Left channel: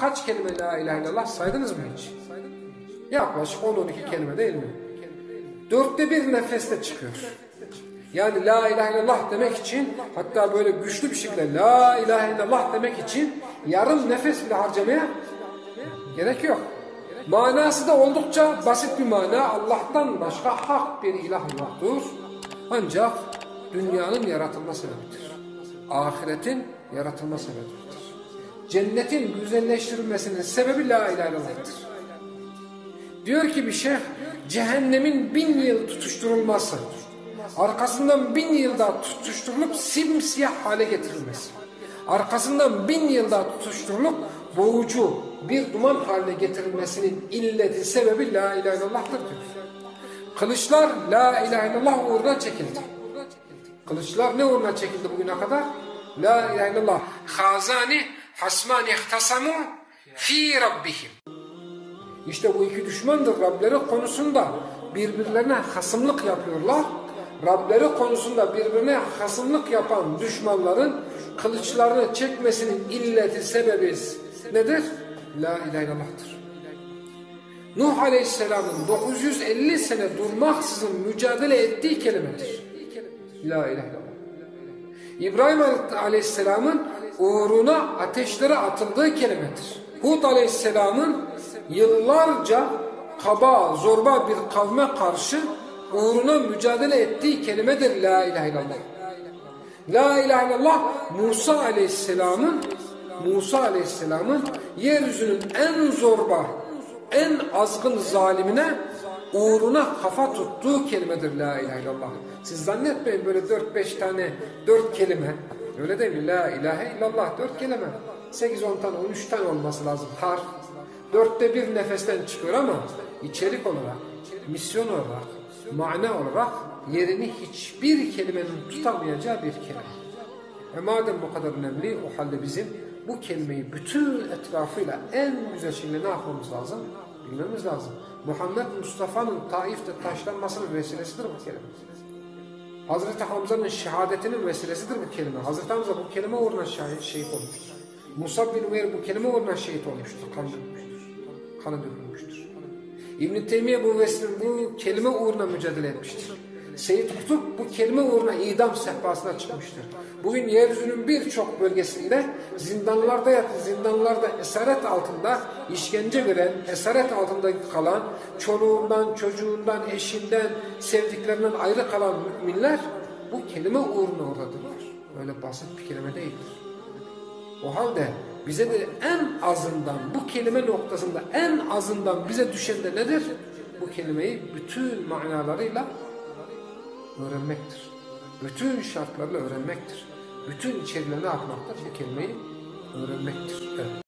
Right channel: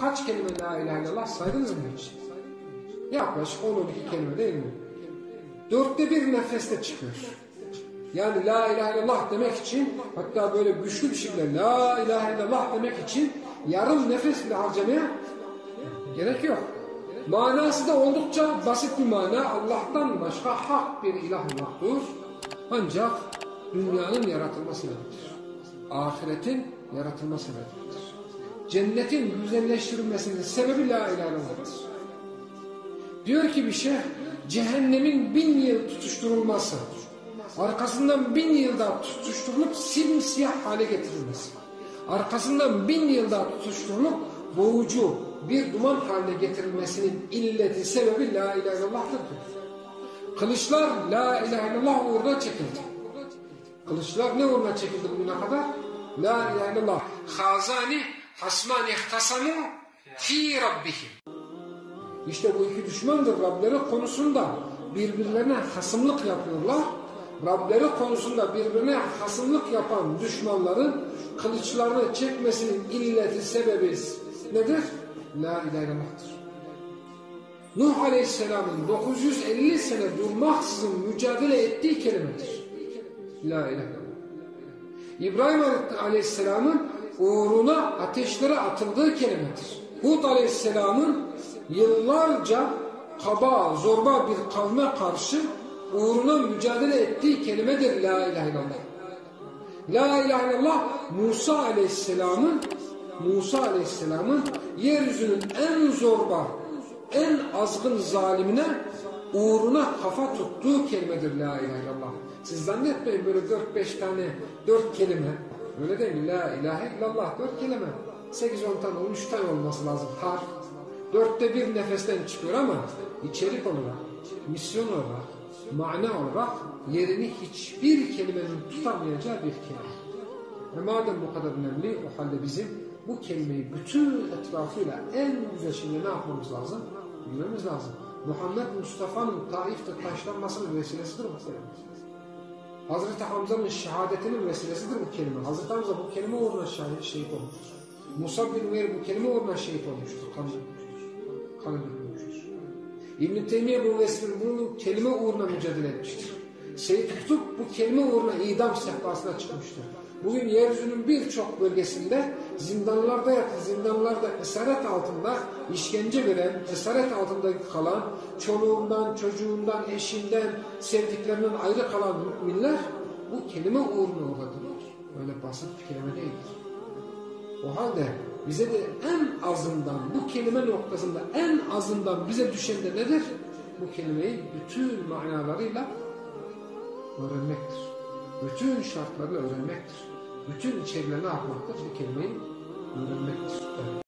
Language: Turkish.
Kaç kelime la ilahe illallah saydınız mı hiç? Yaklaşık 10-12 kelime değil mi? 1/4 nefeste çıkıyor. Yani la ilahe illallah demek için, hatta böyle güçlü bir şekilde la ilahe illallah demek için yarım nefes bile harcamaya gerek yok. Manası da oldukça basit bir mana. Allah'tan başka hak bir ilah yoktur. Ancak dünyanın yaratılma sebebidir. Ahiretin yaratılma sebebidir. Cennetin güzelleştirilmesinin sebebi la ilahe illallah'tır. Diyor ki bir şeyh, cehennemin 1000 yıl tutuşturulması, arkasından 1000 yılda tutuşturulup simsiyah hale getirilmesi, arkasından 1000 yılda tutuşturulup boğucu bir duman haline getirilmesinin illeti, sebebi la ilahe illallah'tır diyor. Kılıçlar la ilahe illallah uğruna çekildi. Kılıçlar ne uğruna çekildi bugüne kadar? La ilahe illallah. Hazani hasman ihtasamu fi rabbihim. İşte bu iki düşmandır. Rableri konusunda birbirlerine hasımlık yapıyorlar. Rableri konusunda birbirine hasımlık yapan düşmanların kılıçlarını çekmesinin illeti, sebebi nedir? La ilahe illallah'tır. Nuh Aleyhisselam'ın 950 sene durmaksızın mücadele ettiği kelimedir. La ilahe illallah. İbrahim Aleyhisselam'ın uğruna ateşlere atıldığı kelimedir. Hud Aleyhisselam'ın yıllarca kaba, zorba bir kavme karşı uğruna mücadele ettiği kelimedir la ilahe illallah. La ilahe illallah Musa Aleyhisselam'ın yeryüzünün en zorba, en azgın zalimine uğruna kafa tuttuğu kelimedir la ilahe illallah. Siz zannetmeyin böyle 4-5 tane 4 kelime. Öyle değil mi? La ilahe illallah 4 kelime. 8-10 tane 13 tane olması lazım. Harf. 1/4 nefesten çıkıyor ama içerik olarak, misyon olarak, mana olarak yerini hiçbir kelimenin tutamayacağı bir kelime. Ve madem bu kadar önemli, o halde bizim bu kelimeyi bütün etrafıyla en güzel şekilde ne yapmamız lazım? Bilmemiz lazım. Muhammed Mustafa'nın Taif'te taşlanmasının vesilesidir bu kelime. Hazreti Hamza'nın şehadetinin vesilesidir bu kelime. Hazreti Hamza bu kelime uğruna şehit olmuştur. Musa bin Umeyr bu kelime uğruna şehit olmuştur. Kanı dökülmüştür. İbn-i Teymiye bu kelime uğruna mücadele etmiştir. Seyyid Kutup bu kelime uğruna idam sehpasına çıkmıştır. Bugün yeryüzünün birçok bölgesinde zindanlarda esaret altında işkence gören, esaret altında kalan, çoluğundan, çocuğundan, eşinden, sevdiklerinden ayrı kalan müminler bu kelime uğruna oradadırlar. Öyle basit bir kelime değildir. O halde bize de en azından bu kelime noktasında en azından bize düşen de nedir? Bu kelimeyi bütün manalarıyla öğrenmektir. Bütün şartlarını öğrenmektir. Bütün içeriğine ne yapmaktır? Bu kelimeyi öğrenmektir. Evet.